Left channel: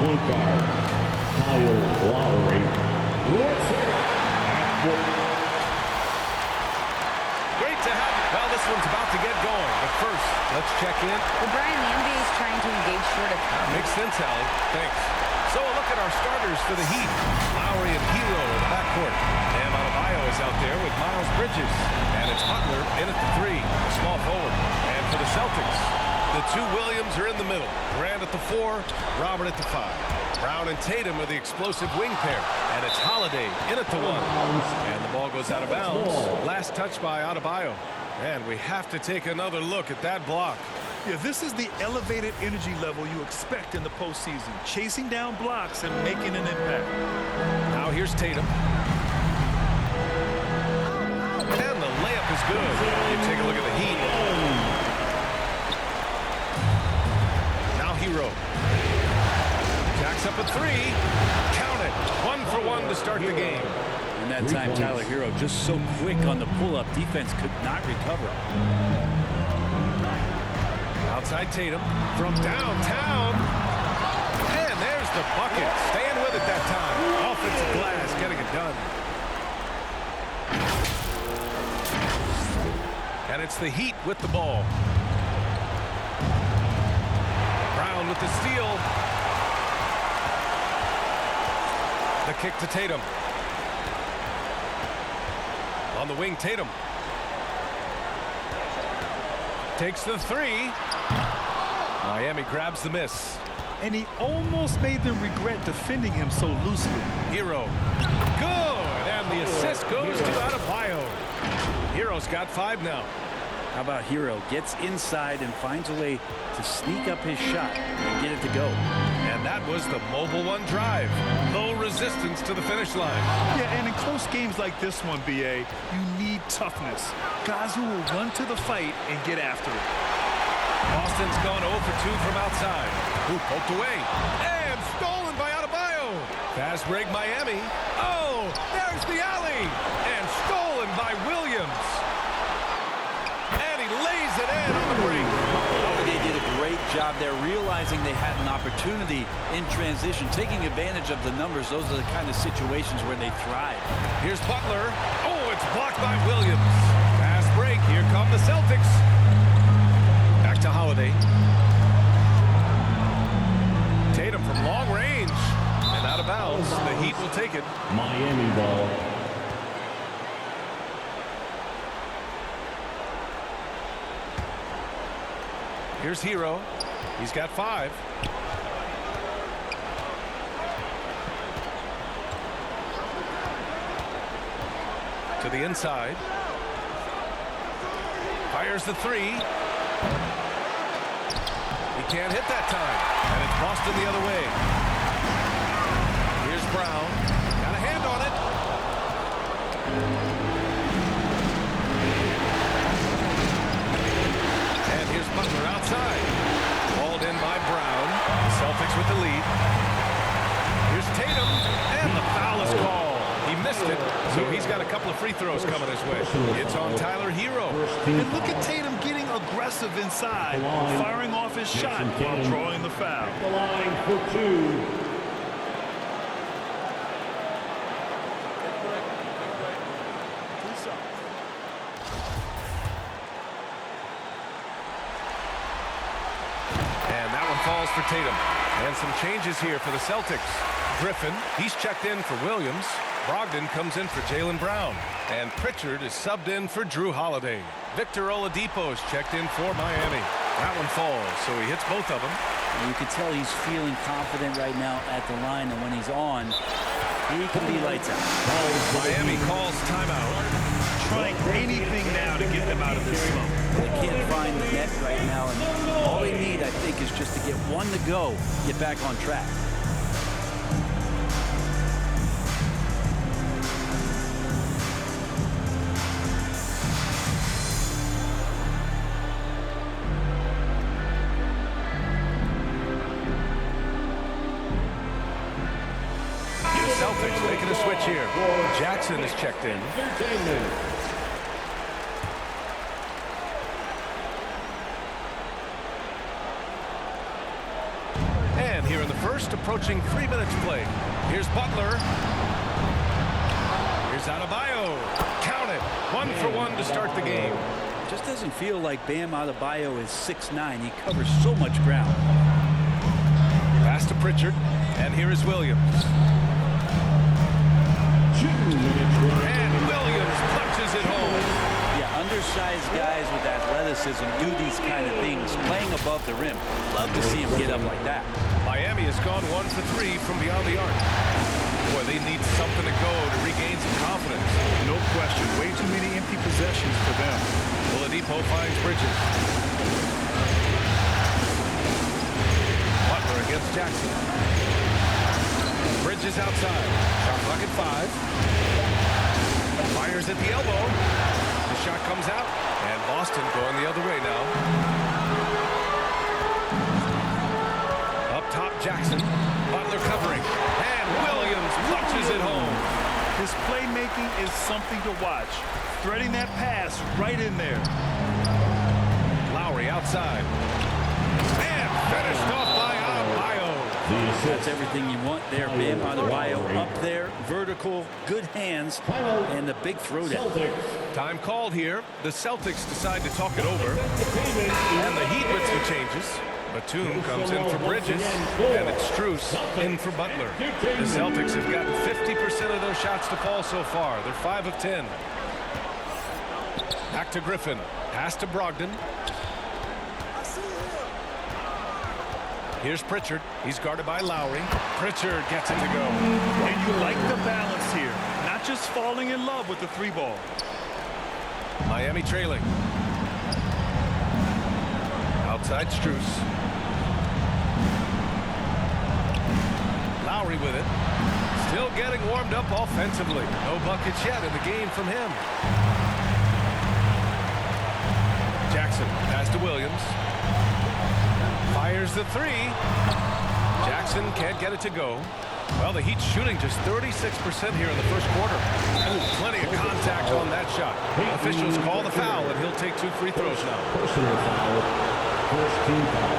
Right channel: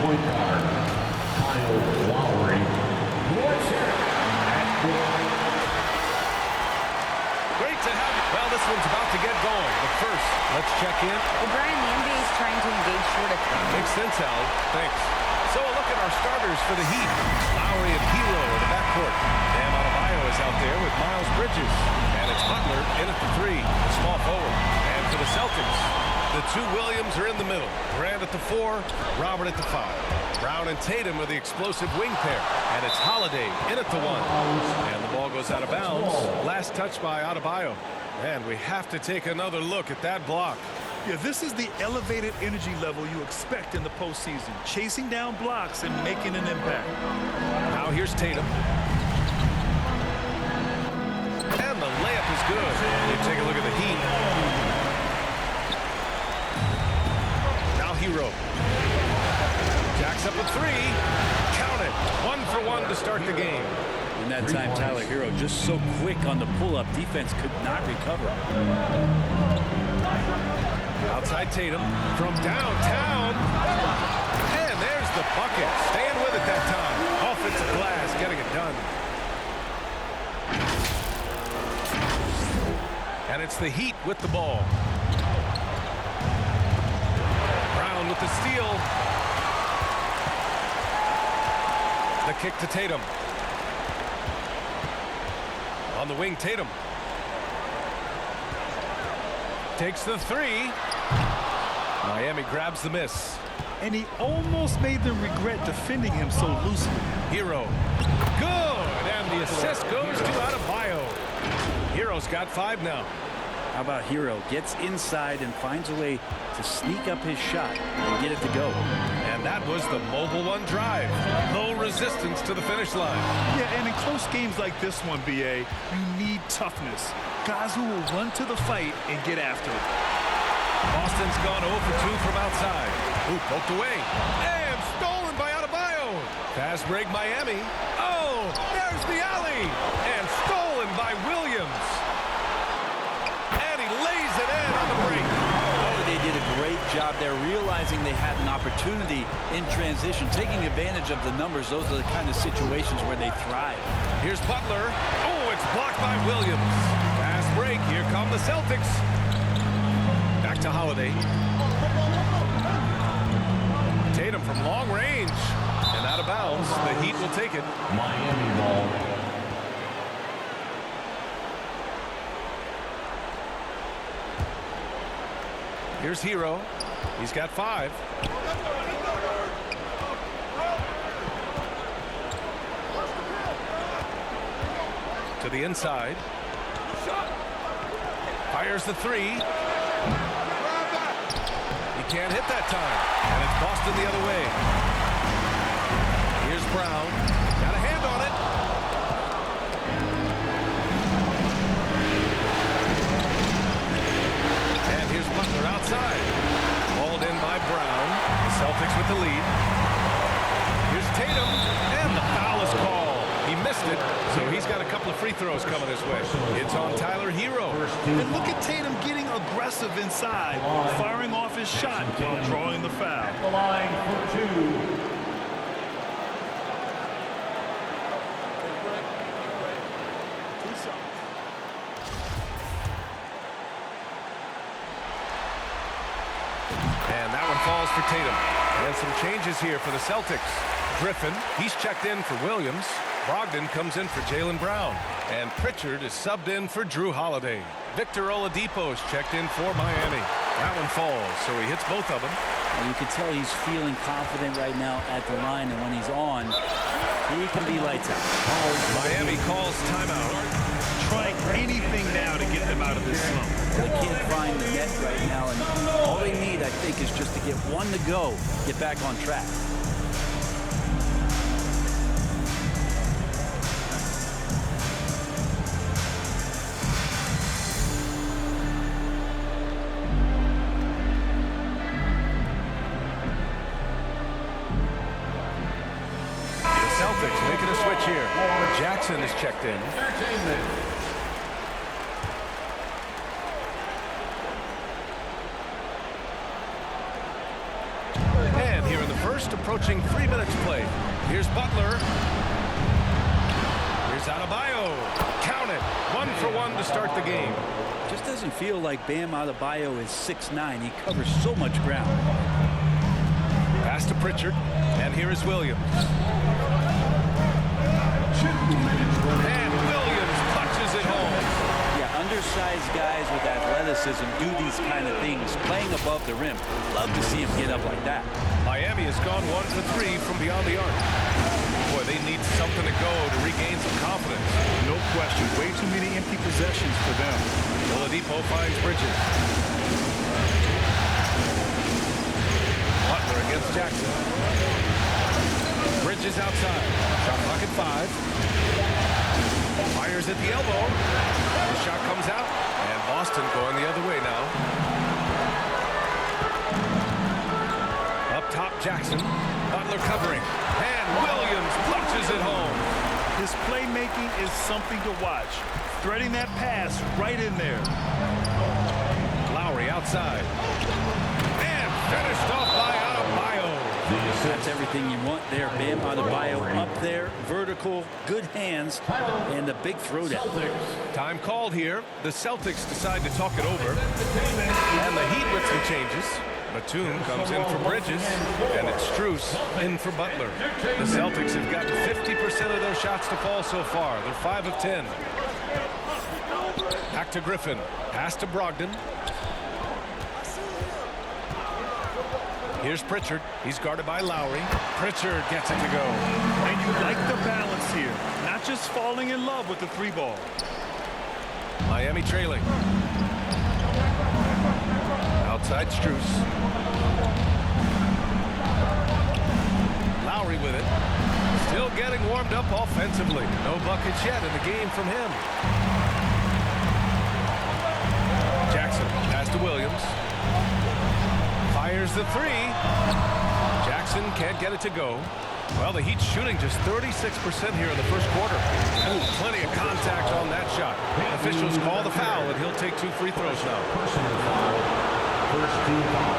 point guard, Kyle Lowry. Let's hear it at 4. Great to have you. Well, this one's about to get going, but first, let's check in. Well, Brian, the NBA is trying to engage short of... Makes sense, Allie. Thanks. So a look at our starters for the Heat. Lowry and Hero in the backcourt. Bam Adebayo is out there with Miles Bridges. And it's Butler in at the 3, the small forward. And for the Celtics, the two Williams are in the middle. Grant at the 4, Robert at the 5. Brown and Tatum are the explosive wing pair. And it's Holiday in at the 1. And the ball goes out of bounds. Last touch by Adebayo. And we have to take another look at that block. Yeah, this is the elevated energy level you expect in the postseason. Chasing down blocks and making an impact. Now here's Tatum. And the layup is good. You take a look at the Heat. Now Hero. Jacks up a 3. Count it. 1 for 1 to start the game. And that time, Tyler Hero just so quick on the pull-up. Defense could not recover. Outside Tatum from downtown. And there's the bucket. Staying with it that time. Offensive glass getting it done. And it's the Heat with the ball. Brown with the steal. The kick to Tatum. On the wing, Tatum. Takes the 3. Miami grabs the miss. And he almost made them regret defending him so loosely. Hero. Good. And the assist goes to Adebayo. Hero's got 5 now. How about Hero? Gets inside and finds a way to sneak up his shot and get it to go. And that was the mobile 1 drive. Low resistance to the finish line. Yeah, and in close games like this one, BA, you need toughness. Guys who will run to the fight and get after it. Boston's gone 0 for 2 from outside. Who poked away. And stolen by Adebayo. Fast break Miami. Oh, there's the alley. And stolen by Williams. And he lays it in on the break. They did a great job there, realizing they had an opportunity in transition, taking advantage of the numbers. Those are the kind of situations where they thrive. Here's Butler. Oh, it's blocked by Williams. Fast break. Here come the Celtics. Back to Holiday. Tatum from long range. And out of bounds. The Heat will take it. Miami ball. Here's Hero. He's got 5. To the inside. Fires the 3. He can't hit that time. And it's Boston the other way. Here's Brown. Got a hand on it. And here's Butler outside. Hauled in by Brown. The Celtics with the lead. Here's Tatum. And the foul is called. He missed it, so he's got a couple of free throws coming his way. It's on Tyler Hero. And look at Tatum getting aggressive inside, firing off his shot while drawing the foul. The line for 2. And that one falls for Tatum. And some changes here for the Celtics. Griffin, he's checked in for Williams. Brogdon comes in for Jaylen Brown. And Pritchard is subbed in for Drew Holiday. Victor Oladipo is checked in for Miami. That one falls, so he hits both of them. And you can tell he's feeling confident right now at the line, and when he's on, he can be lights out. Miami calls timeout. Trying anything now to get them out of this slump. They can't find the net right now, and all they need, I think, is just to get one to go, get back on track. Celtics making a switch here. Jackson is checked in. And here here in the first, approaching 3 minutes played. Here's Butler. Here's Adebayo. Count it. 1 for 1 to start the game. Just doesn't feel like Bam Adebayo is 6'9". He covers so much ground. Pass to Pritchard. And here is Williams. 2 minutes remaining. And Williams punches it home. Yeah, undersized guys with athleticism do these kind of things, playing above the rim. Love to see him get up like that. Miami has gone 1 for 3 from beyond the arc. Boy, they need something to go to regain some confidence. No question. Way too many empty possessions for them. Oladipo finds Bridges. Butler against Jackson. Bridges outside. Shot clock at 5. Fires at the elbow. The shot comes out. And Boston going the other way now. Up top, Jackson. Butler covering. And Williams punches it home. His playmaking is something to watch. Threading that pass right in there. Lowry outside. And finished off by Adebayo. That's everything you want there. Bam Adebayo up there, vertical, good hands, and the big throwdown. Time called here. The Celtics decide to talk it over. And the Heat with some changes. Batum comes in for Bridges, and it's Strus in for Butler. The Celtics have gotten 50% of their shots to fall so far. They're 5 of 10. Back to Griffin. Pass to Brogdon. Here's Pritchard. He's guarded by Lowry. Pritchard gets it to go. And you like the balance here. Not just falling in love with the 3-ball. Miami trailing. Outside Strus. Lowry with it. Still getting warmed up offensively. No buckets yet in the game from him. Jackson, pass to Williams. Fires the 3. Jackson can't get it to go. Well, the Heat's shooting just 36% here in the first quarter. Ooh, plenty of contact on that shot. Officials call the foul, and he'll take 2 free throws now. Personal foul. First team foul.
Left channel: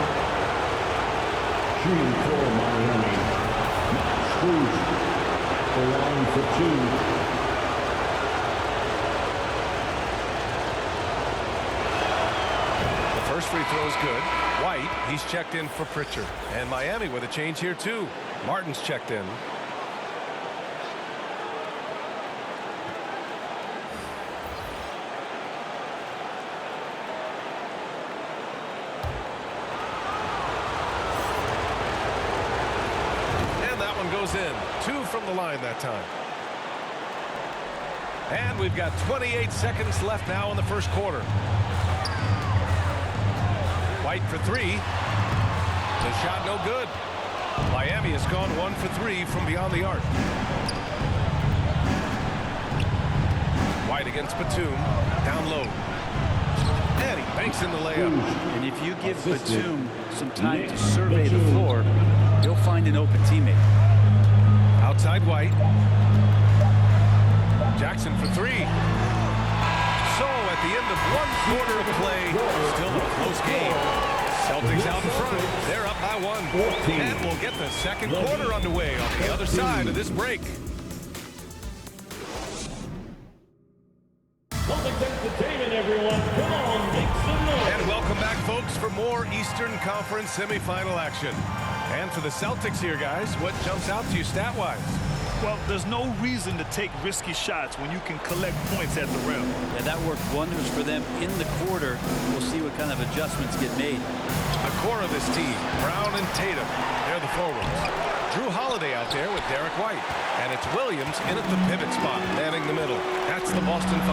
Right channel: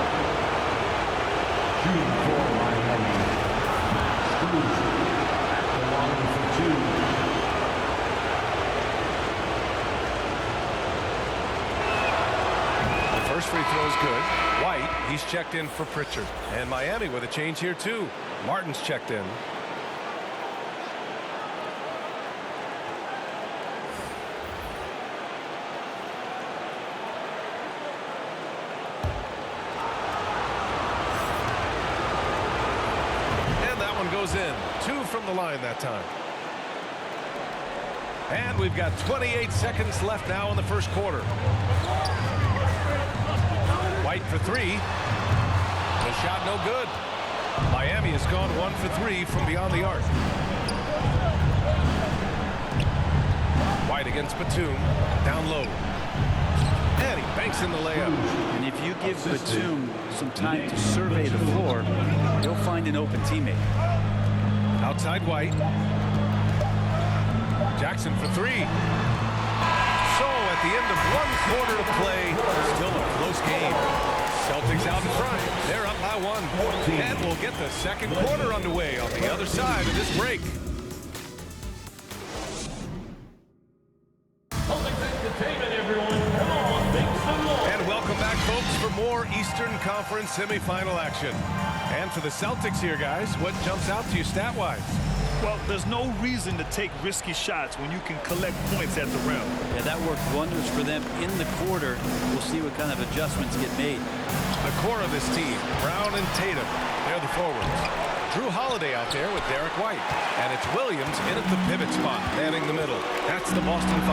Shooting for Miami. Matt Strus at the line for 2. First free throw is good. White, he's checked in for Pritchard. And Miami with a change here, too. Martin's checked in. And that one goes in. 2 from the line that time. And we've got 28 seconds left now in the first quarter. White for 3. The shot no good. Miami has gone 1 for 3 from beyond the arc. White against Batum. Down low. And he banks in the layup. And if you give Batum some time to survey the floor, he'll find an open teammate. Outside White. Jackson for 3. So at the end of 1 quarter of play, still a close game. Celtics out in front. They're up by 1. And we'll get the second quarter underway on the other side of this break. Celtics entertainment, everyone. Come on, make some noise. And welcome back, folks, for more Eastern Conference semifinal action. And for the Celtics here, guys, what jumps out to you stat-wise? Well, there's no reason to take risky shots when you can collect points at the rim. Yeah, that worked wonders for them in the quarter. We'll see what kind of adjustments get made. The core of this team, Brown and Tatum, they're the forwards. Drew Holiday out there with Derek White. And it's Williams in at the pivot spot, manning the middle. That's the Boston 5.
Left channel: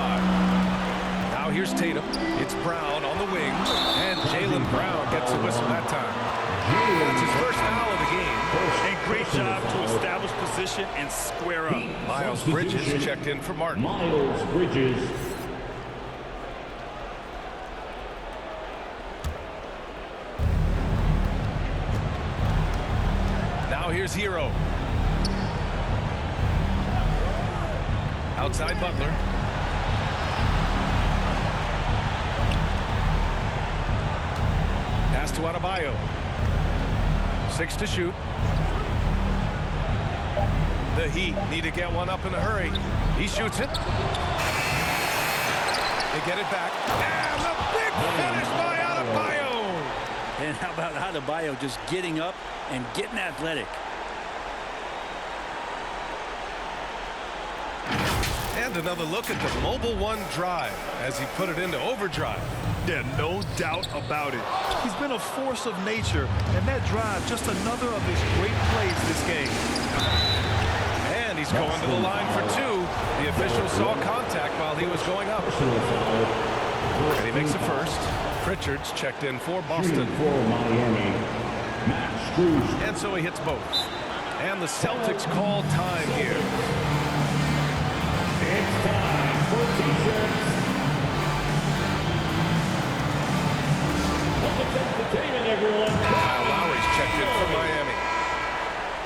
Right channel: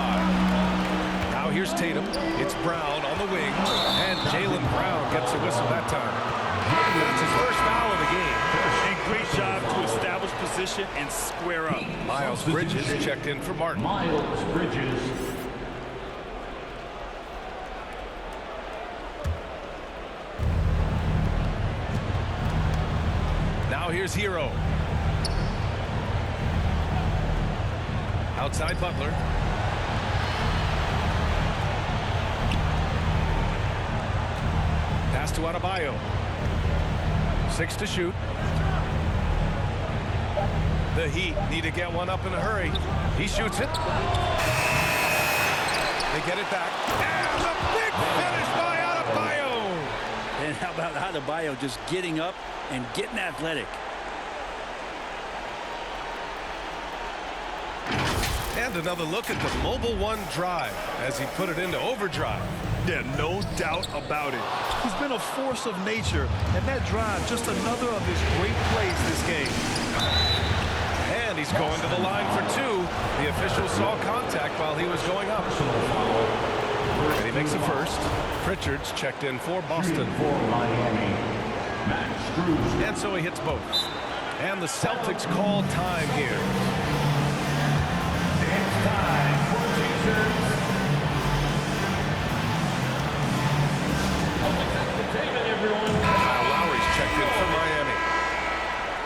Now here's Tatum. It's Brown on the wing. And Jaylen Brown gets a whistle that time. That's his first foul of the game. And great job to establish position and square up. Miles Bridges checked in for Martin. Miles Bridges. Now here's Hero. Outside Butler. Pass to Adebayo. 6 to shoot. The Heat need to get one up in a hurry. He shoots it. They get it back. And the big finish by Adebayo. And how about Adebayo just getting up and getting athletic? And another look at the Mobile One drive as he put it into overdrive. Yeah, no doubt about it. He's been a force of nature, and that drive, just another of his great plays this game. And he's going to the line for 2. The official saw contact while he was going up. And he makes the first. Pritchard's checked in for Boston. For Miami, Matt Struz. And so he hits both. And the Celtics call time here. It's time for T-shirts. Public entertainment, everyone. Kyle Lowry's checked in for Miami.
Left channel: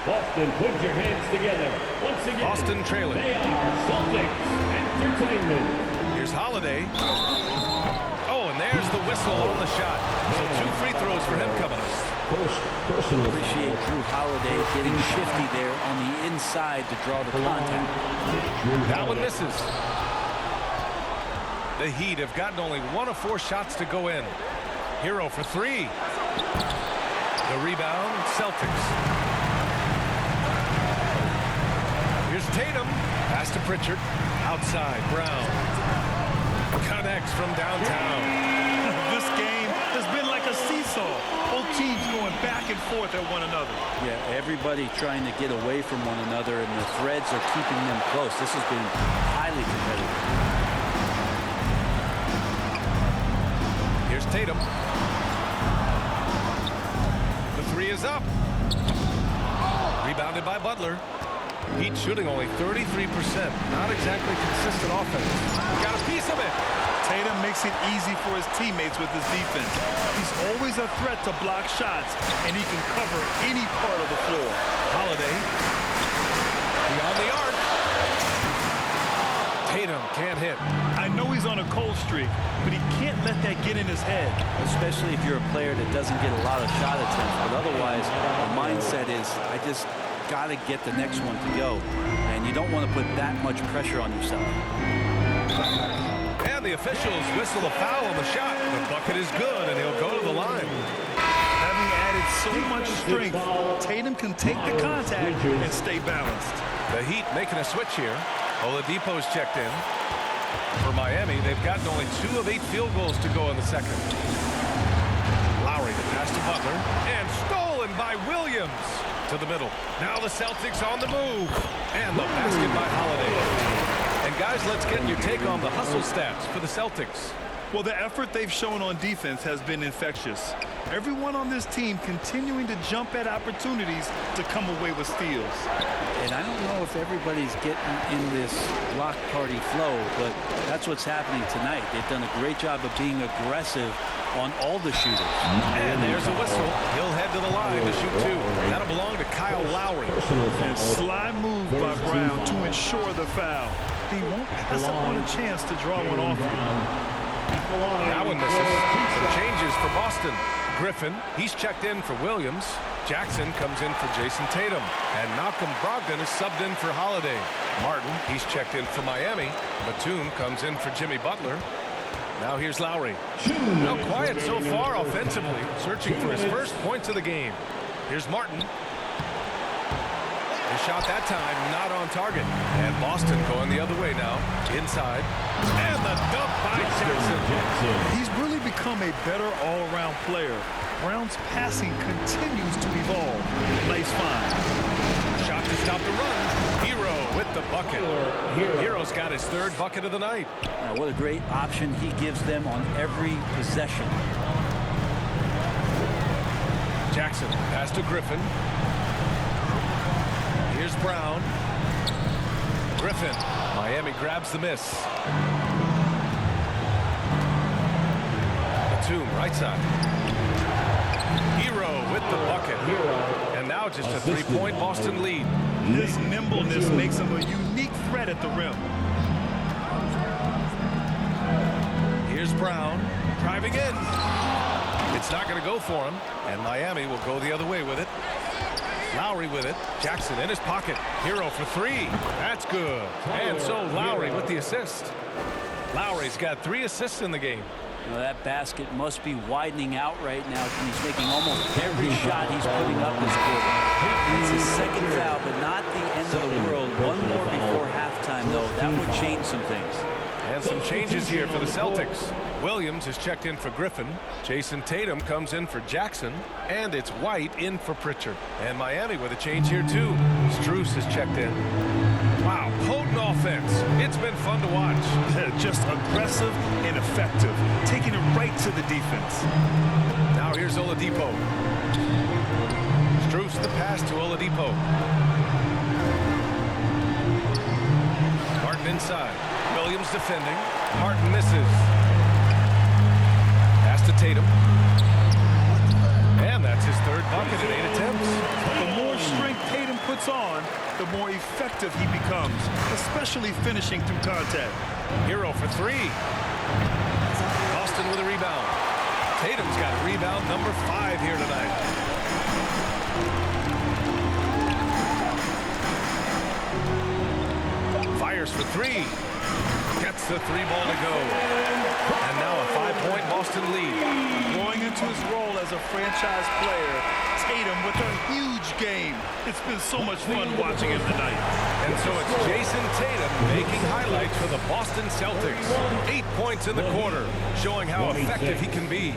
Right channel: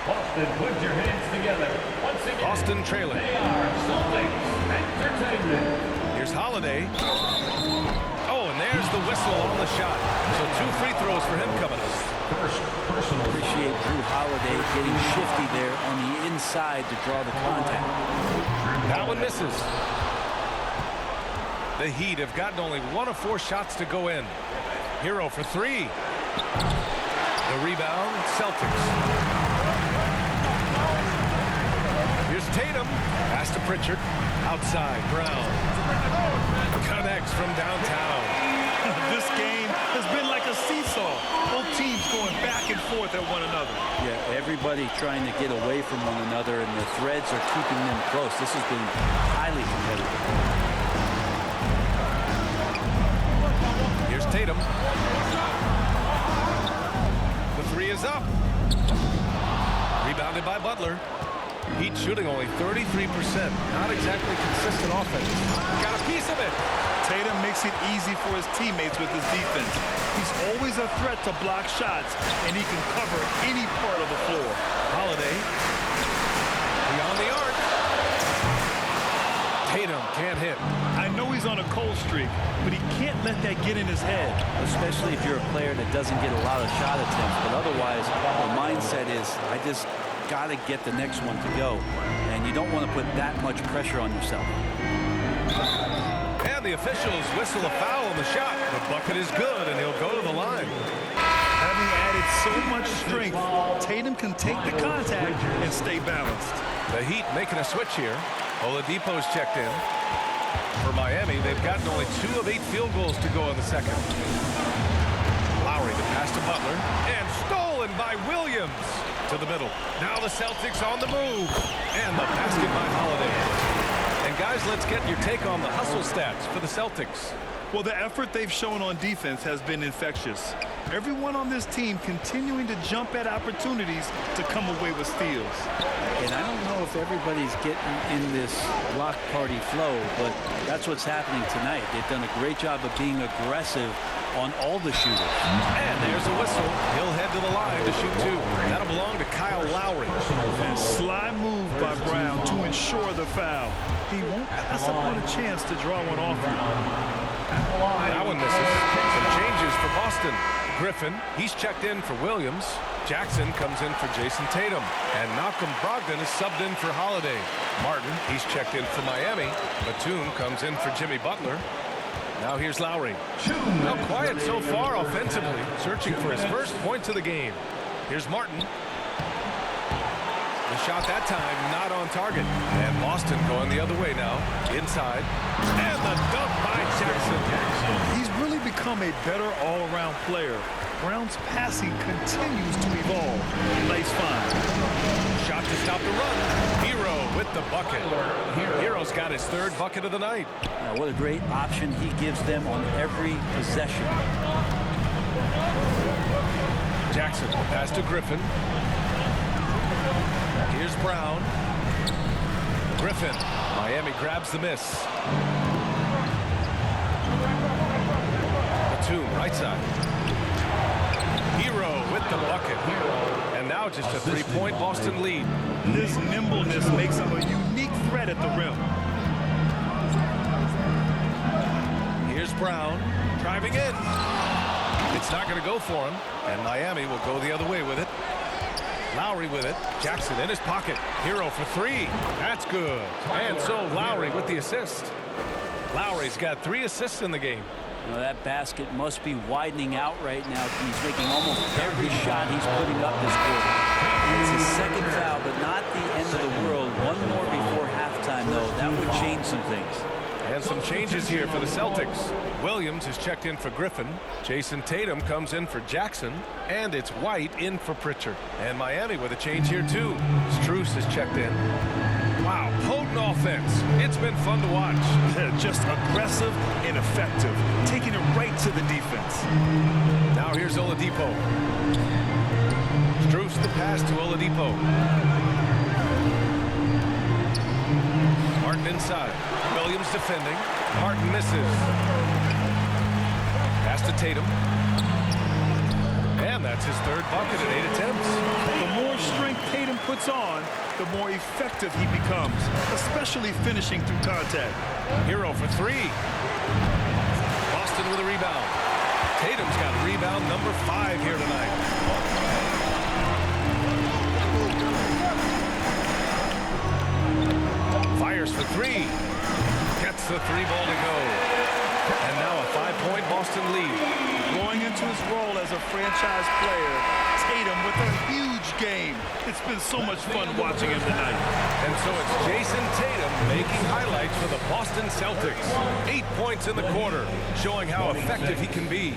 Boston, put your hands together. Once again, Boston trailing. They are Celtics Entertainment. Here's Holiday. Oh, and there's the whistle on the shot. So 2 free throws for him coming up. First personal. Appreciate Drew Holiday getting shifty there on the inside to draw the contact. That one misses. The Heat have gotten only 1 of 4 shots to go in. Hero for 3. The rebound, Celtics. Here's Tatum. Pass to Pritchard. Outside, Brown. Connects from downtown. This game has been like a seesaw. Both teams going back and forth at one another. Yeah, everybody trying to get away from one another, and the threads are keeping them close. This has been highly competitive. Here's Tatum. The 3 is up. Rebounded by Butler. Heat shooting only 33%. Not exactly consistent offense. Got a piece of it. Tatum makes it easy for his teammates with his defense. He's always a threat to block shots, and he can cover any part of the floor. Holiday. Beyond the arc. Tatum can't hit. I know he's on a cold streak, but he can't let that get in his head. Especially if you're a player that doesn't get a lot of shot attempts. But otherwise, the mindset is, I just got to get the next one to go. And you don't want to put that much pressure on yourself. And the officials whistle a foul on the shot. The bucket is good, and he'll go to the line. Having added so much strength, Tatum can take the contact and stay balanced. The Heat making a switch here. Oladipo's checked in. For Miami, they've gotten only 2 of 8 field goals to go in the second. Lowry to pass to Butler. And stolen by Williams. To the middle. Now the Celtics on the move. And the basket by Holiday. And guys, let's get your take on the hustle stats for the Celtics. Well, the effort they've shown on defense has been infectious. Everyone on this team continuing to jump at opportunities to come away with steals. And I don't know if everybody's getting in this block party flow, but that's what's happening tonight. They've done a great job of being aggressive on all the shooters. And there's a whistle. He'll head to the line to shoot 2. That'll belong to Kyle Lowry. And sly move by Brown to ensure the foul. He won't pass up on a chance to draw one off you. That one misses. Some changes for Boston. Griffin, he's checked in for Williams. Jackson comes in for Jason Tatum. And Malcolm Brogdon is subbed in for Holiday. Martin, he's checked in for Miami. Batum comes in for Jimmy Butler. Now here's Lowry. Now quiet so far offensively, searching for his first points of the game. Here's Martin. The shot that time not on target. And Boston going the other way now. Inside. And the dunk by Jackson. He's really become a better all-around player. Brown's passing continues to evolve. Nice find. Shot to stop the run. Hero with the bucket. Hero's got his 3rd bucket of the night. Now, what a great option he gives them on every possession. Jackson, pass to Griffin. Here's Brown. Griffin. Miami grabs the miss. Batum, right side. Hero with the bucket. And now just a 3-point Boston lead. His nimbleness makes him a unique threat at the rim. Here's Brown driving in. It's not going to go for him. And Miami will go the other way with it. Lowry with it. Jackson in his pocket. Hero for three. That's good. And so Lowry with the assist. Lowry's got 3 assists in the game. You know, that basket must be widening out right now, and he's making almost every shot he's putting up this quarter. It's his second foul, but not the end of the world. One more before halftime, though. That would change some things. And some changes here for the Celtics. Williams is checked in for Griffin. Jason Tatum comes in for Jackson. And it's White in for Pritchard. And Miami with a change here, too. Strus is checked in. Wow, potent offense. It's been fun to watch. Just aggressive and effective, taking it right to the defense. Now here's Oladipo. Strus the pass to Oladipo. Martin inside. Williams defending. Martin misses. Pass to Tatum. And that's his 3rd bucket at 8 attempts. The more strength Tatum puts on, the more effective he becomes, especially finishing through contact. Hero for 3. Boston with a rebound. Tatum's got rebound number 5 here tonight. Fires for 3. Gets the 3 ball to go. And now a 5-point Boston lead. Growing into his role as a franchise player, Tatum with a huge game. It's been so much fun watching him tonight. And so it's Jason Tatum making highlights for the Boston Celtics. 8 points in the quarter, showing how effective he can be.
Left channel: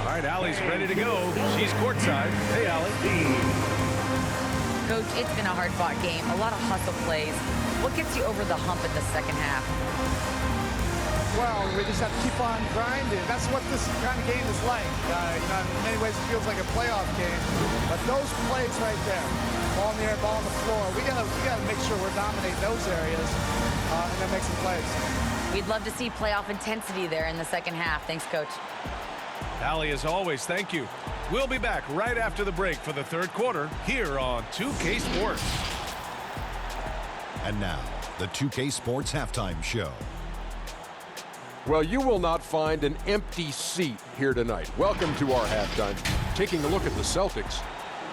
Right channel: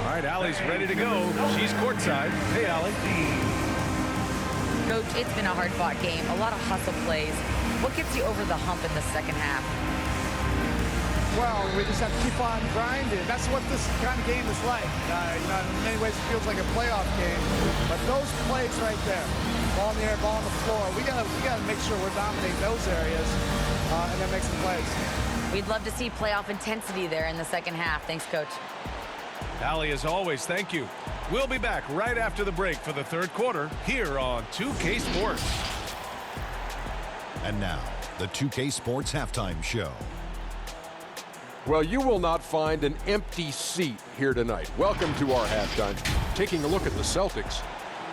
All right, Allie's ready to go. She's courtside. Hey, Allie. Coach, it's been a hard-fought game. A lot of hustle plays. What gets you over the hump in the second half? Well, we just have to keep on grinding. That's what this kind of game is like. You know, in many ways it feels like a playoff game. But those plays right there, ball in the air, ball on the floor, we gotta make sure we're dominating those areas and then make some plays. We'd love to see playoff intensity there in the second half. Thanks, Coach. Allie, as always, thank you. We'll be back right after the break for the 3rd quarter here on 2K Sports. And now, the 2K Sports Halftime Show. Well, you will not find an empty seat here tonight. Welcome to our halftime. Taking a look at the Celtics,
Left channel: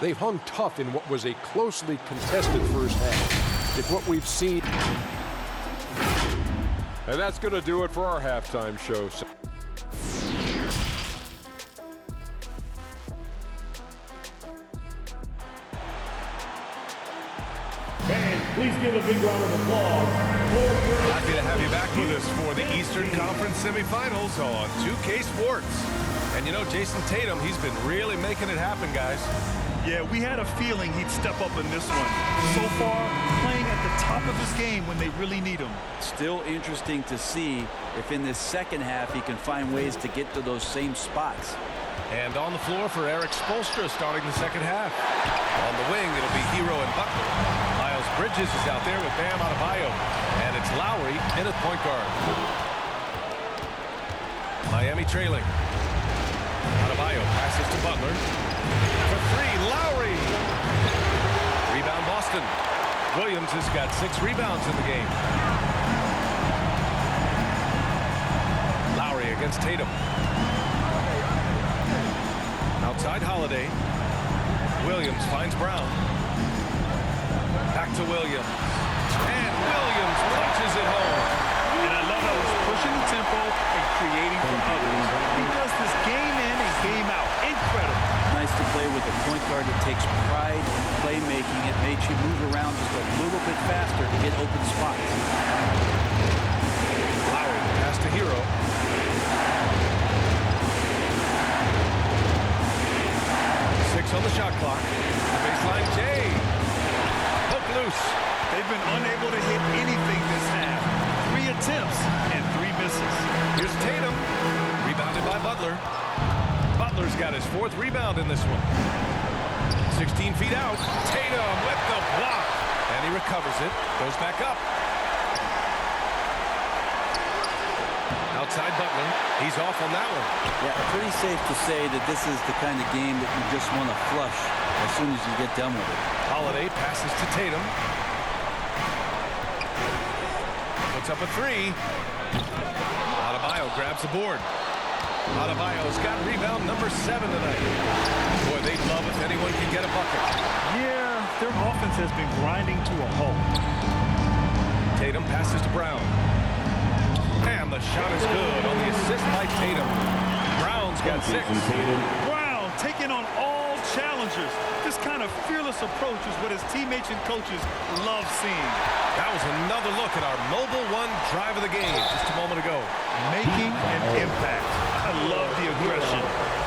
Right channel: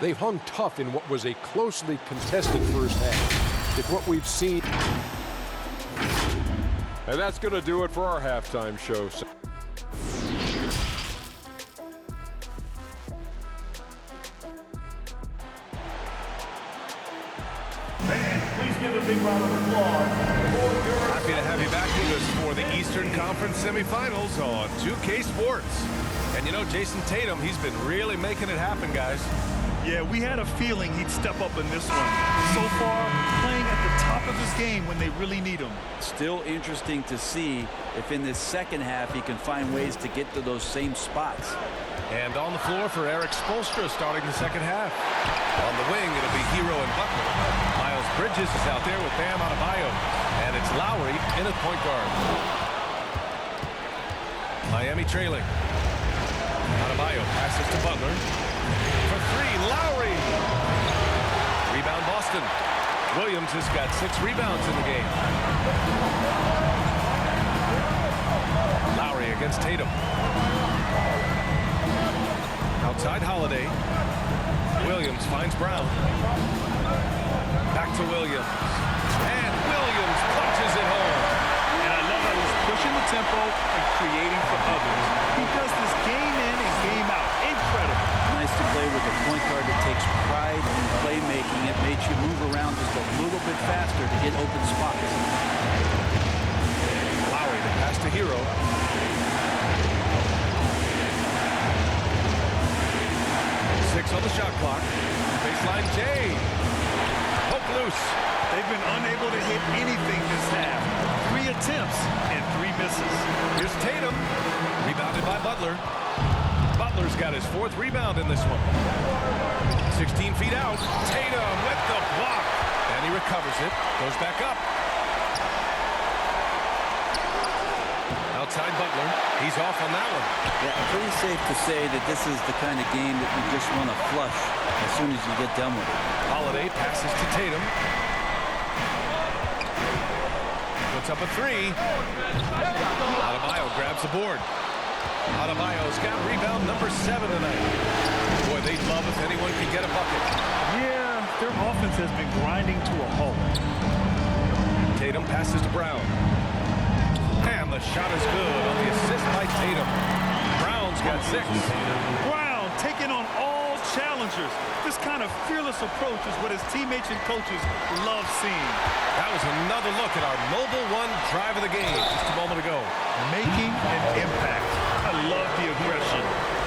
they've hung tough in what was a closely contested first half. If what we've seen... And that's going to do it for our halftime show. Fans, please give a big round of applause for your... Happy to have you back with us for the Eastern Conference semifinals on 2K Sports. And you know, Jason Tatum, he's been really making it happen, guys. Yeah, we had a feeling he'd step up in this one. So far, playing at the top of his game when they really need him. Still interesting to see if in this second half he can find ways to get to those same spots. And on the floor for Eric Spoelstra starting the second half. On the wing, it'll be Hero and Butler. Miles Bridges is out there with Bam Adebayo. And it's Lowry in at point guard. Miami trailing. Adebayo passes to Butler. For 3, Lowry. Rebound Boston. Williams has got 6 rebounds in the game. Lowry against Tatum. Outside Holiday. Williams finds Brown. Back to Williams. And Williams punches it home. And I love how he's pushing the tempo and creating for others. He does this game in and game out. Incredible. Nice to play with a point guard that takes pride in playmaking. It makes you move around just a little bit faster to get open spots. Lowry, the pass to Hero. Six on the shot clock. Baseline Jay. Poke loose. They've been unable to hit anything this half. 3 attempts and 3 misses. Here's Tatum. Rebounded by Butler. Butler's got his 4th rebound in this one. 16 feet out. Tatum with the block. And he recovers it. Goes back up. Outside Butler. He's off on that one. Yeah, pretty safe to say that this is the kind of game that you just want to flush as soon as you get done with it. Holiday passes to Tatum. Puts up a 3. Adebayo grabs the board. Adebayo's got rebound number 7 tonight. Boy, they'd love if anyone could get a bucket. Yeah, their offense has been grinding to a halt. Tatum passes to Brown. And the shot is good on the assist by Tatum. Brown's got 6. Brown taking on all challengers. This kind of fearless approach is what his teammates and coaches love seeing. That was another look at our Mobile One drive of the game just a moment ago. Making an impact. I love the aggression.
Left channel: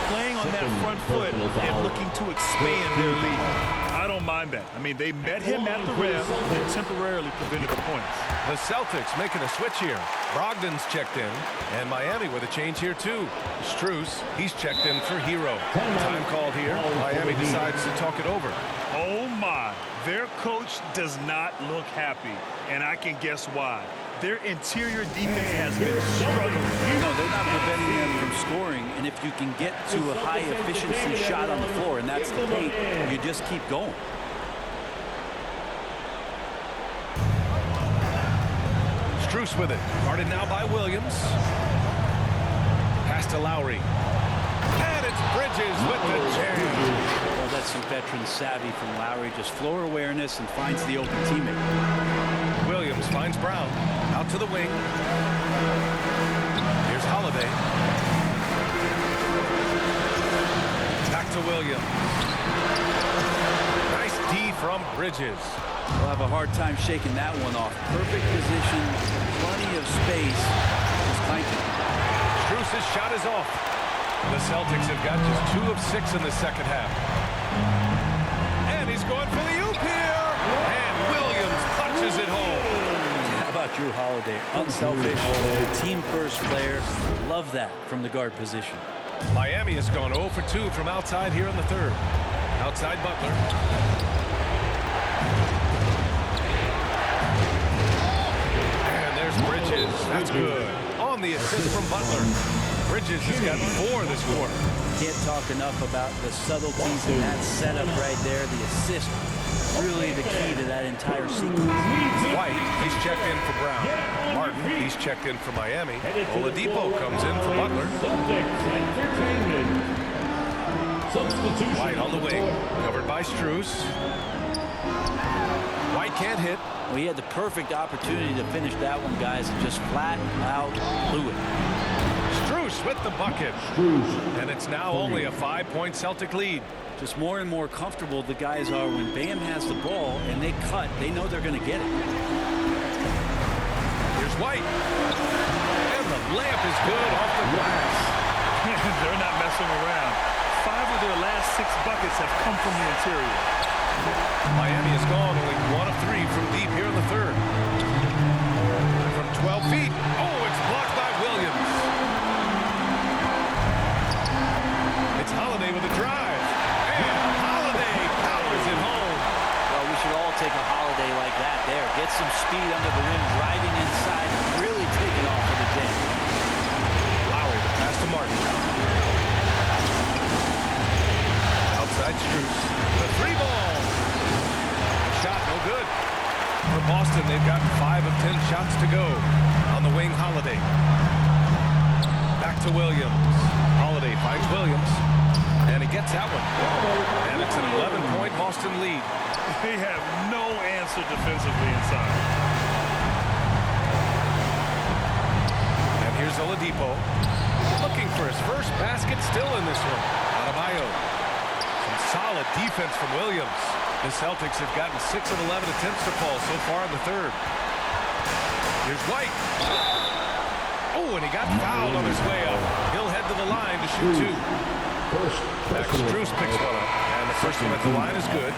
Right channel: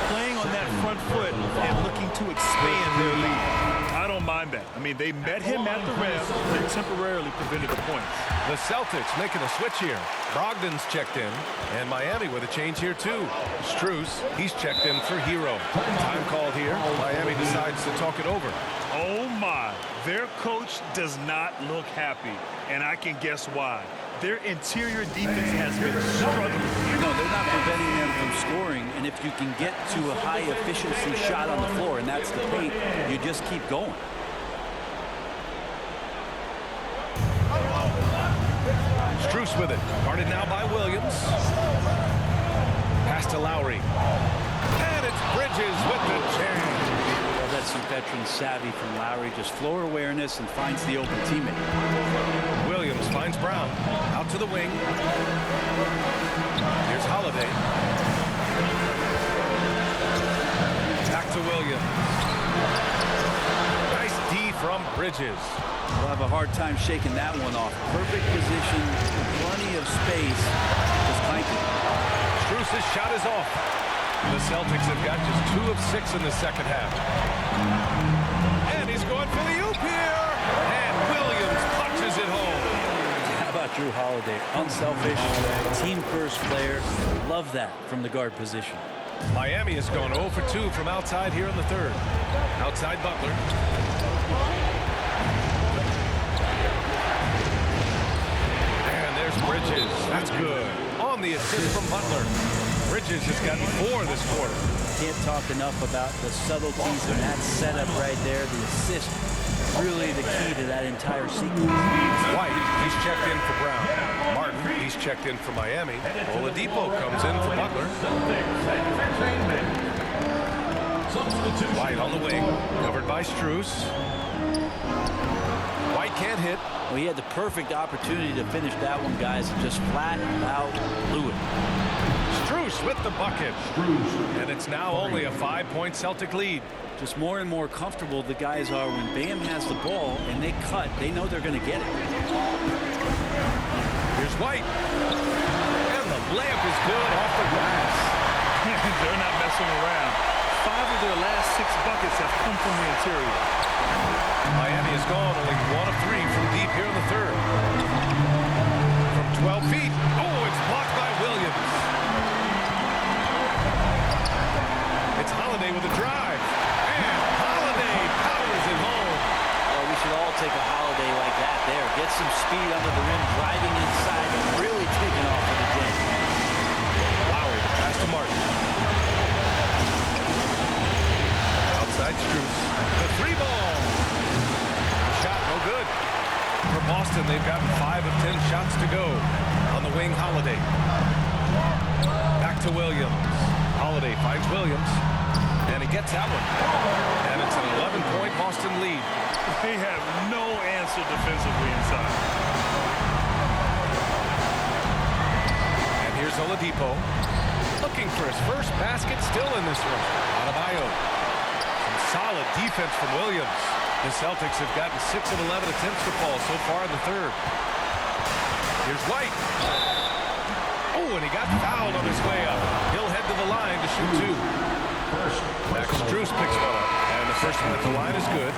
Playing on that front foot and looking to expand their lead. I don't mind that. I mean, they met him at the rim and temporarily prevented the points. The Celtics making a switch here. Brogdon's checked in, and Miami with a change here too. Strus, he's checked in for Hero. Time called here. Miami decides to talk it over. Oh my, their coach does not look happy, and I can guess why. Their interior defense has been struggling. No, they're not preventing them from scoring, and if you can get to a high-efficiency shot on the floor, and that's the paint, you just keep going. Strus with it. Guarded now by Williams. Pass to Lowry. And it's Bridges with the jam. Well, that's some veteran savvy from Lowry. Just floor awareness and finds the open teammate. Williams finds Brown. Out to the wing. Here's Holiday. Back to Williams. Nice D from Bridges. We'll have a hard time shaking that one off. Perfect position, plenty of space. Just clanking. Strus's shot is off. The Celtics have got just 2 of 6 in the second half. And he's going for the oop here. And Williams punches it home. How about Drew Holiday? Unselfish, team-first player. Love that from the guard position. Miami has gone 0 for 2 from outside here in the third. Outside Butler. And there's Bridges. That's good. On the assist from Butler. Bridges has got 4 this quarter. Can't talk enough about the subtleties in that setup right there. The assist, really the key to that entire sequence. White, he's checked in for Brown. Martin, he's checked in for Miami. Oladipo comes in for Butler. White on the wing, covered by Strus. White can't hit. Well, he had the perfect opportunity to finish that one, guys, and just flat out blew it. Strus with the bucket. And it's now only a 5-point Celtic lead. Just more and more comfortable the guys are when Bam has the ball and they cut. They know they're going to get it. Here's White. And the layup is good off the glass. They're not messing around. 5 of their last 6 buckets have come from the interior. Miami has gone only 1 of 3 from deep here in the third. From 12 feet. Oh, it's blocked by Williams. It's Holiday with a drive. And Holiday powers it home. Well, we should all take a Holiday like that there. Get some speed under the rim, driving inside, and really taking off for the jam. Lowry to pass to Martin. Outside Strus. The 3-ball. The shot no good. For Boston, they've gotten 5 of 10 shots to go. On the wing, Holiday. Back to Williams. Holiday finds Williams. And he gets that one. And it's an 11-point Boston lead. They have no answer defensively inside. And here's Oladipo. Looking for his first basket still in this one. Adebayo. Some solid defense from Williams. The Celtics have gotten 6 of 11 attempts to fall so far in the third. Here's White. Oh, and he got fouled on his way up. He'll head to the line to shoot 2. Max Strus picks one up, and the first one at the line is good.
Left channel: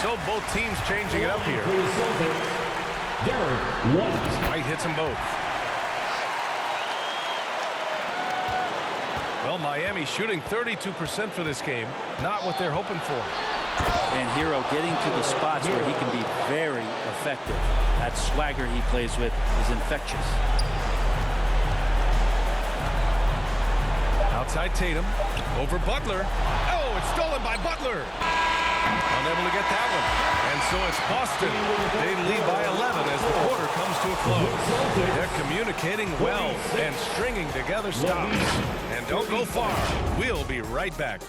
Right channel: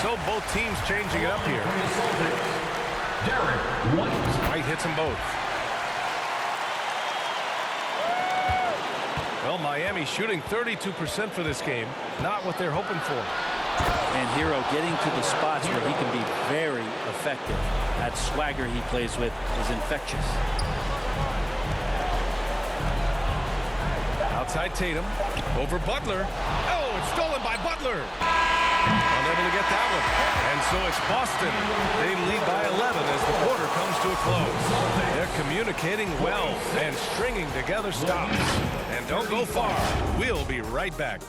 So both teams changing it up here. White hits them both. Well, Miami shooting 32% for this game. Not what they're hoping for. And Hero getting to the spots where he can be very effective. That swagger he plays with is infectious. Outside Tatum. Over Butler. Oh, it's stolen by Butler. unable to get that one. And so it's Boston. They lead by 11 as the quarter comes to a close. They're communicating well and stringing together stops. And don't go far. We'll be right back.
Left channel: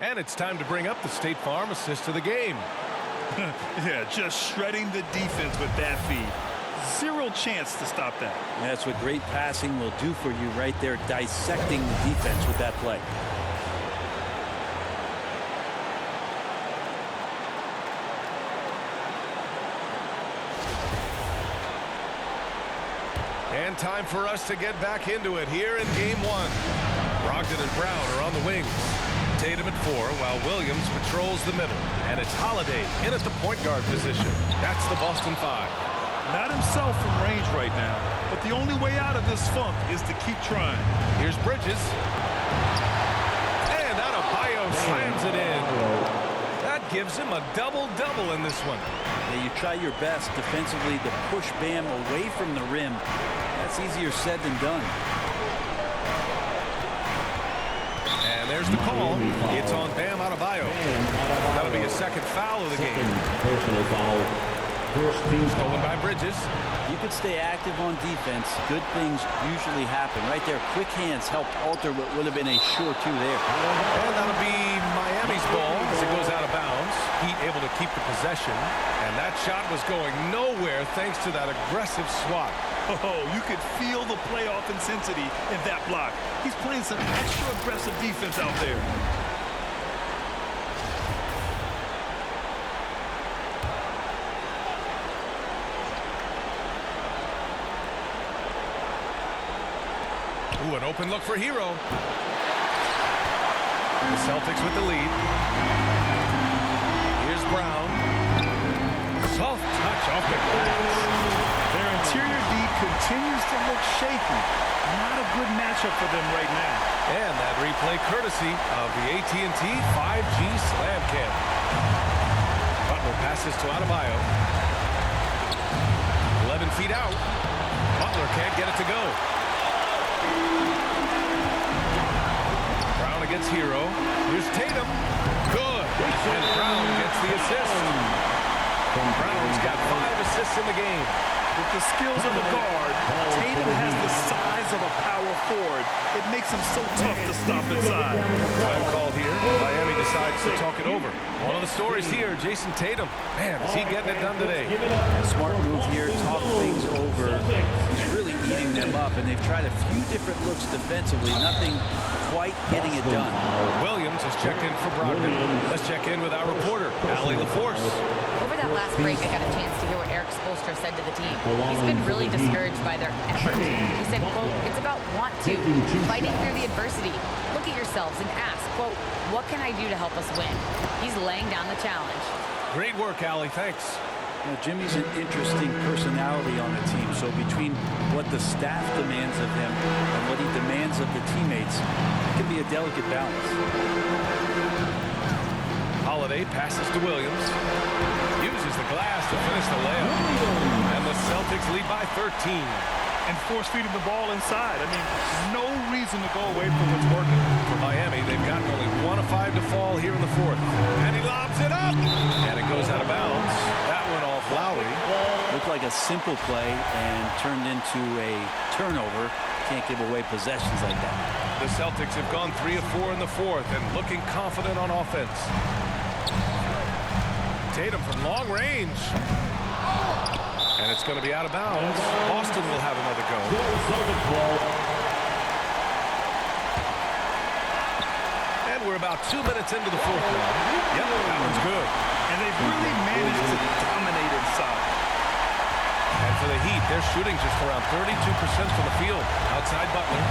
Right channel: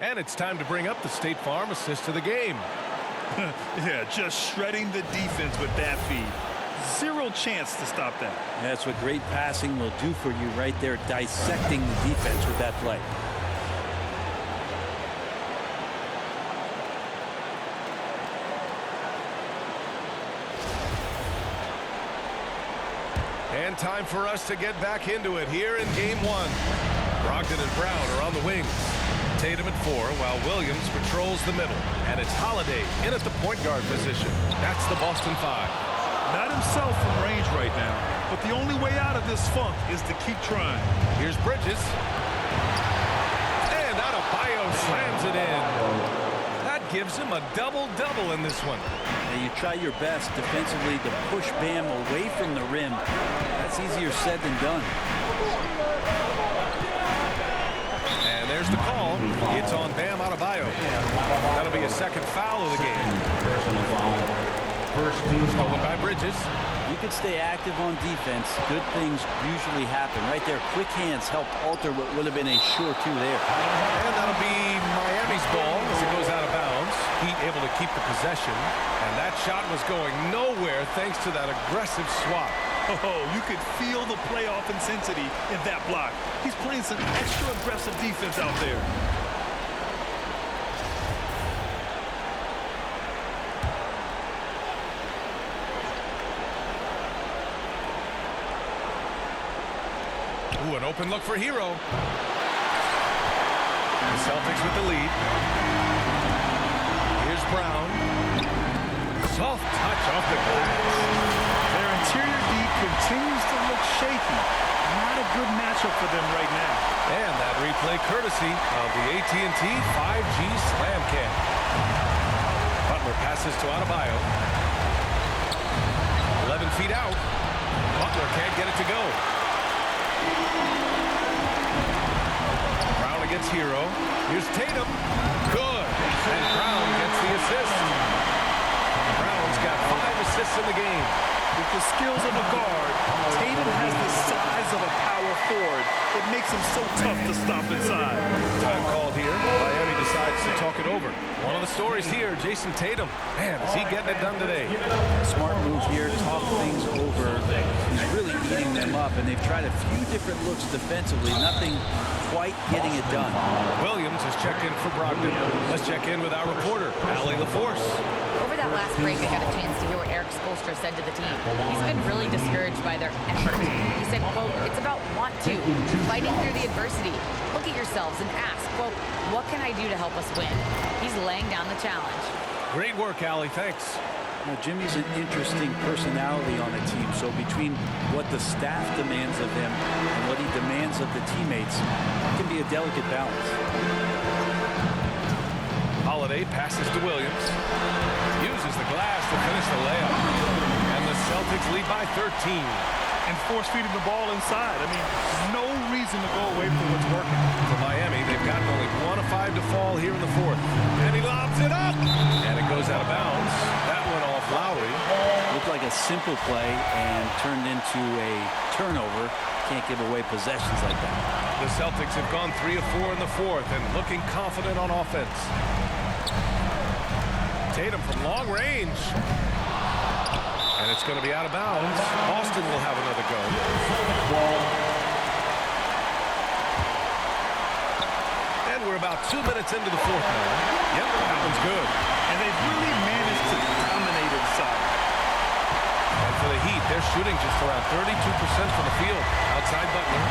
And it's time to bring up the State Farm assist to the game. Yeah, just shredding the defense with that feed. Zero chance to stop that. That's what great passing will do for you right there, dissecting the defense with that play. And time for us to get back into it here in game one. Brogdon and Brown are on the wings. Tatum at 4 while Williams patrols the middle. And it's Holiday in at the point guard position. That's the Boston 5. Not himself from range right now, but the only way out of this funk is to keep trying. Here's Bridges. And Adebayo slams it in. That gives him a double-double in this one. Now you try your best defensively to push Bam away from the rim. That's easier said than done. And there's the call. It's on Bam Adebayo. That'll be his second foul of the game. Personal foul. First team Stolen by Bridges. You could stay active on defense. Good things usually happen. Right there, quick hands helped alter what would have been a sure 2 there. And that'll be Miami's ball as it goes out of bounds. Heat able to keep the possession. And that shot was going nowhere thanks to that aggressive swat. Oh, you could feel the playoff intensity in that block. He's playing some extra aggressive defense out there. Ooh, an open look for Hero. The Celtics with the lead. Here's Brown. Soft touch off the glass. Their interior D continues to look shaky. Not a good matchup for them right now. And that replay courtesy of the AT&T 5G Slam Cam. Butler passes to Adebayo. 11 feet out. Butler can't get it to go. Brown against Hero. Here's Tatum. Good. And Brown gets the assist. Brown's got 5 assists in the game. With the skills of a guard, Tatum has the size of a power forward. It makes him so tough to stop inside. Time called here. Miami decides to talk it over. One of the stories here, Jason Tatum. Man, is he getting it done today? A smart move here, talk things over. He's really eating them up, and they've tried a few different looks defensively. Nothing quite getting it done. Williams has checked in for Brogdon. Let's check in with our reporter, Allie LaForce. Over that last break, I got a chance to hear what Eric Spoelstra said to the team. He's been really discouraged by their effort. He said, quote, it's about want to, fighting through the adversity. Look at yourselves and ask, quote, what can I do to help us win? He's laying down the challenge. Great work, Allie. Thanks. Now, Jimmy's an interesting personality on the team, so between what the staff demands of him and what he demands of the teammates, it can be a delicate balance. Holiday passes to Williams. Uses the glass to finish the layup. And the Celtics lead by 13. And force feeding the ball inside. I mean, no reason to go away from what's working. For Miami, they've gotten only 1 of 5 to fall here in the 4th. And he lobs it up. And it goes out of bounds. That went off Lowry. Looked like a simple play and turned into a turnover. Can't give away possessions like that. The Celtics have gone 3 of 4 in the 4th and looking confident on offense. Tatum from long range. And it's going to be out of bounds. Boston will have another go. And we're about 2 minutes into the 4th now. Yep, that one's good. And they've really managed to dominate inside. And for the Heat, they're shooting just around 32% from the field. Outside Butler.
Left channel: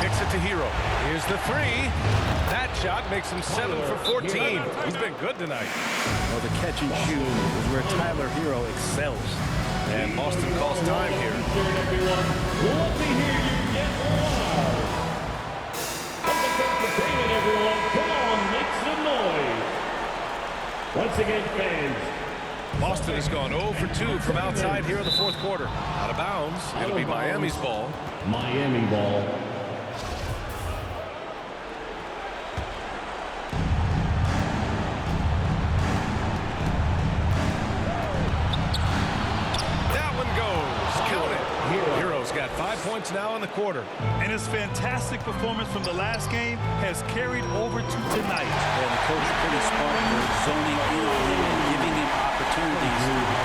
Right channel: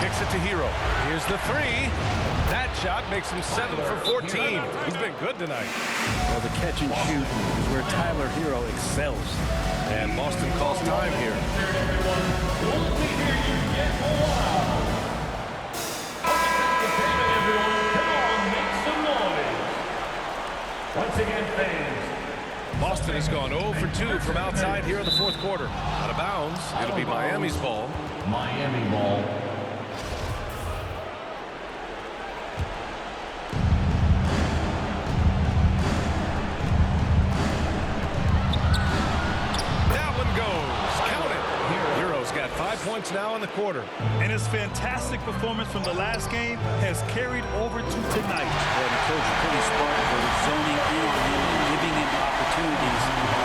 Kicks it to Hero. Here's the 3. That shot makes him 7 for 14. He's been good tonight. Well, the catch and shoot is where Tyler Hero excels. And Boston calls time here. Let me hear you get loud. Entertainment, everyone. Come on, make some noise. Once again, fans. Boston has gone 0 for 2 from outside here in the fourth quarter. Out of bounds. It'll be Miami's ball. Miami ball. That one goes. Count it. Hero's got 5 points now in the quarter. And his fantastic performance from the last game has carried over to tonight. And the coach pretty smart for zoning in on him and giving him opportunities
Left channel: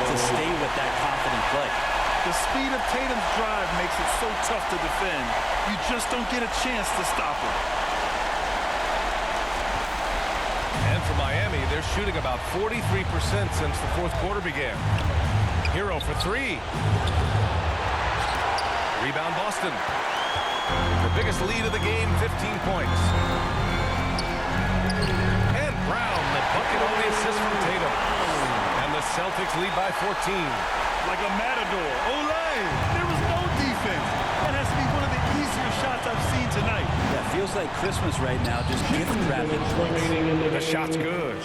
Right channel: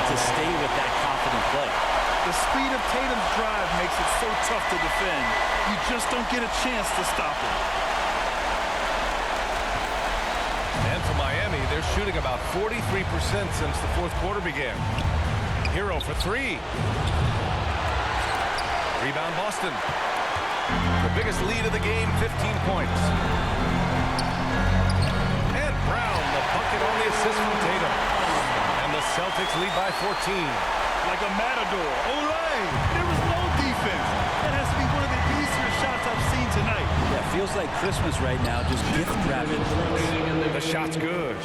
to stay with that confident play. The speed of Tatum's drive makes it so tough to defend. You just don't get a chance to stop him. And for Miami, they're shooting about 43% since the fourth quarter began. Hero for 3. Rebound Boston. The biggest lead of the game, 15 points. And Brown, the bucket on the assist from Tatum. And the Celtics lead by 14. Like a matador. Olay! There was no defense. That has to be one of the easier shots I've seen tonight. Yeah, feels like Christmas right now, just gift wrapping plays. The shot's good.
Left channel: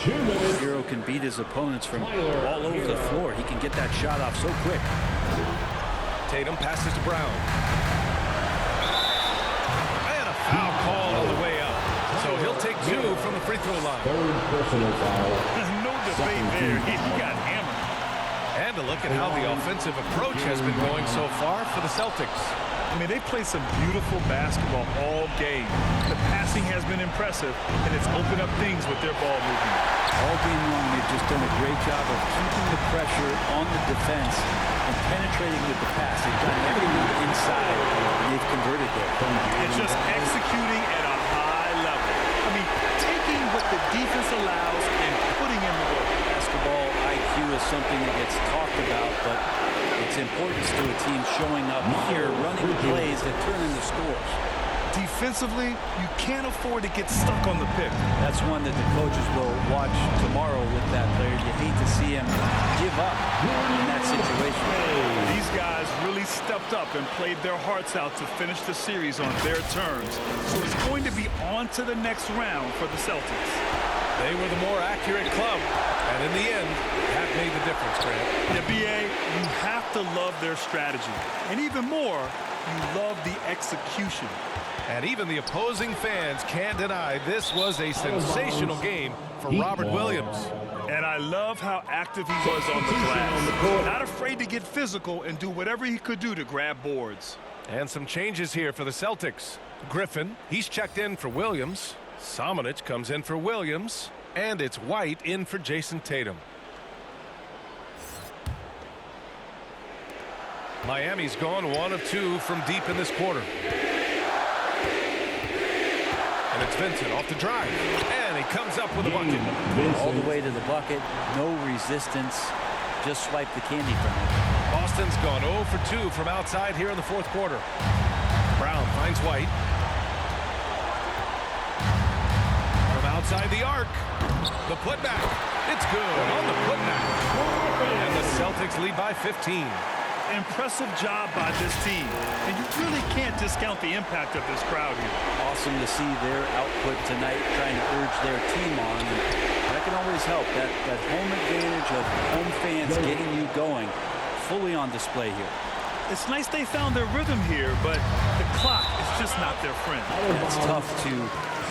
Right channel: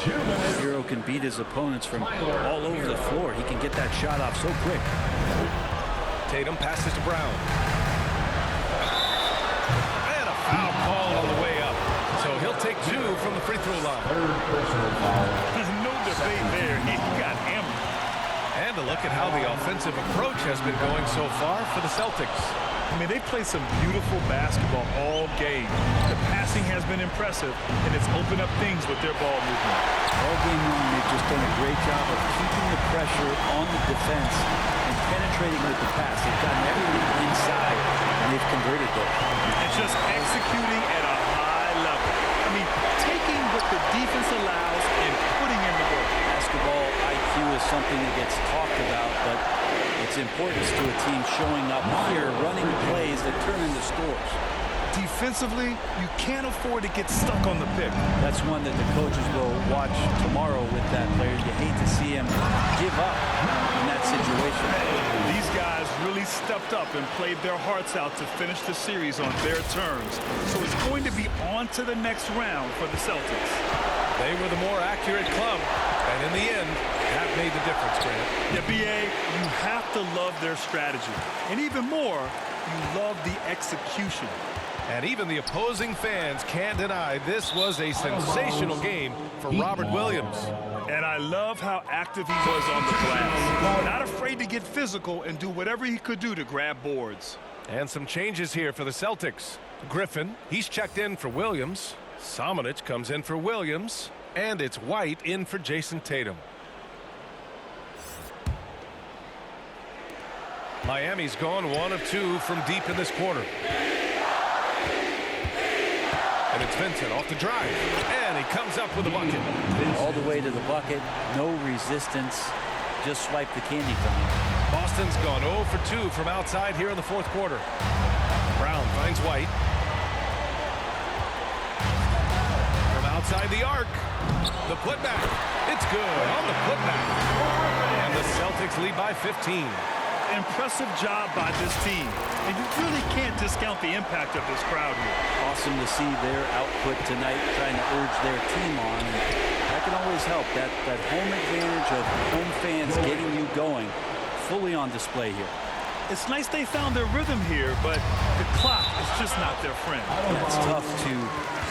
Hero can beat his opponents from all over the floor. He can get that shot off so quick. Tatum passes to Brown. And a foul called on the way up. So he'll take 2 from the free throw line. Third personal foul. No debate there. He got hammered. And a look at how the offensive approach has been going so far for the Celtics. I mean, they play some beautiful basketball all game. The passing has been impressive, and it's opened up things with their ball movement. All game long, they've just done a great job of keeping the pressure on the defense and penetrating with the pass. They've gotten everything inside, and they've converted there. It's just executing at a high level. I mean, taking what the defense allows and putting in the work. Basketball IQ is something that gets talked about, but its importance to a team showing up here, running plays that turn into scores. Defensively, you can't afford to get stuck on the pick. That's one that the coaches will watch tomorrow with that player. You hate to see him give up in that situation. These guys really stepped up and played their hearts out to finish the series on their terms. So it's going to be on to the next round for the Celtics. They were the more accurate club, and in the end, that made the difference, Grant. Yeah, B.A., you have to love their strategy. And even more, you love the execution. And even the opposing fans can't deny this was a sensational game for Robert Williams. And I love how active he was on the glass. Not afraid to get physical and do whatever he could do to grab boards. And some changes here for the Celtics. Griffin, he's checked in for Williams. Samanic comes in for Williams. And it's White in for Jason Tatum. Miami's gone 1 of 2 from deep in this quarter. And it's Vincent off the drive. And he comes up with a bucket. All the way to the bucket. No resistance. Just swipe the candy from him. Boston's gone 0 for 2 from outside here in the fourth quarter. Brown finds White. From outside the arc. The putback. It's good on the putback. And the Celtics lead by 15. Impressive job by this team. And you really can't discount the impact of this crowd here. Awesome to see their output tonight, trying to urge their team on. And that can always help. That home advantage of home fans getting you going, fully on display here. It's nice they found their rhythm here, but the clock is just not their friend. Yeah, it's tough to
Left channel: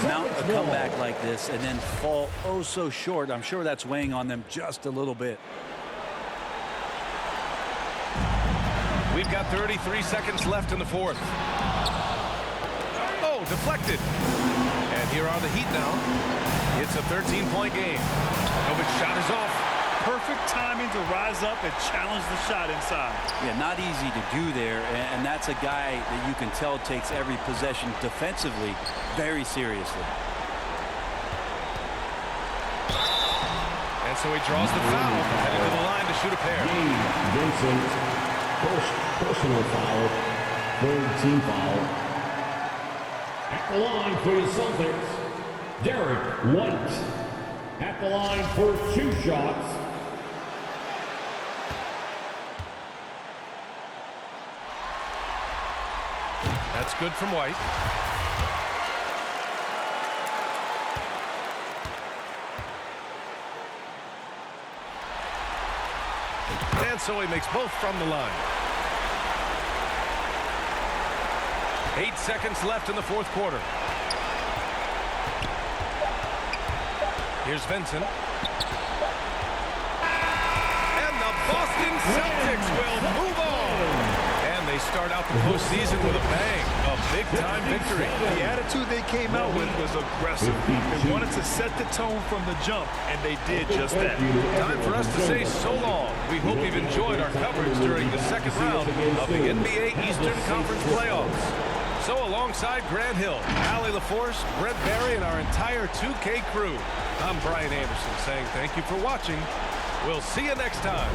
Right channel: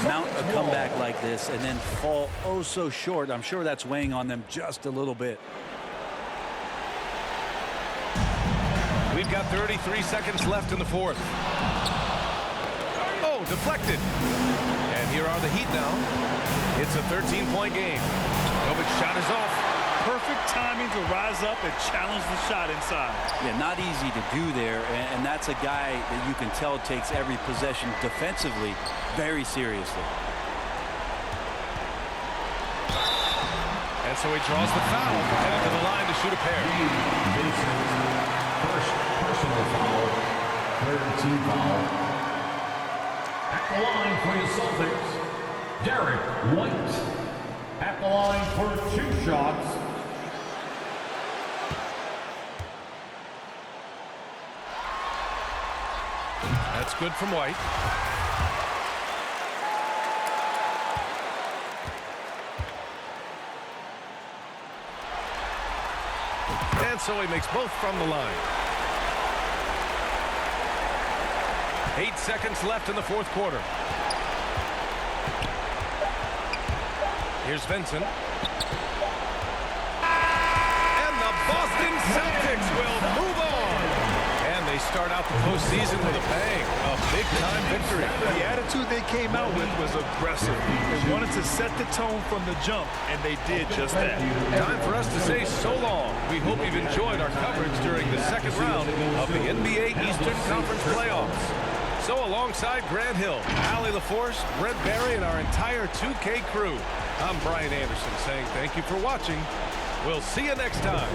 mount a comeback like this and then fall oh so short. I'm sure that's weighing on them just a little bit. We've got 33 seconds left in the fourth. Oh, deflected. And here are the Heat now. It's a 13-point game. Novic's shot is off. Perfect timing to rise up and challenge the shot inside. Yeah, not easy to do there, and that's a guy that you can tell takes every possession defensively very seriously. And so he draws the foul, headed to the line to shoot a pair. Vincent. First personal foul, third team foul. At the line for your Celtics, Derek White. At the line for 2 shots. That's good from White. And so he makes both from the line. 8 seconds left in the fourth quarter. Here's Vincent. And the Boston Celtics will move on. And they start out the postseason with a bang. A big-time victory. The attitude they came out with was aggressive. They wanted to set the tone from the jump, and they did just that. Time for us to say so long. We hope you've enjoyed our coverage during the second round of the NBA Eastern Conference playoffs. So alongside Grant Hill, Allie LaForce, Brent Barry, and our entire 2K crew, I'm Brian Anderson saying thank you for watching. We'll see you next time.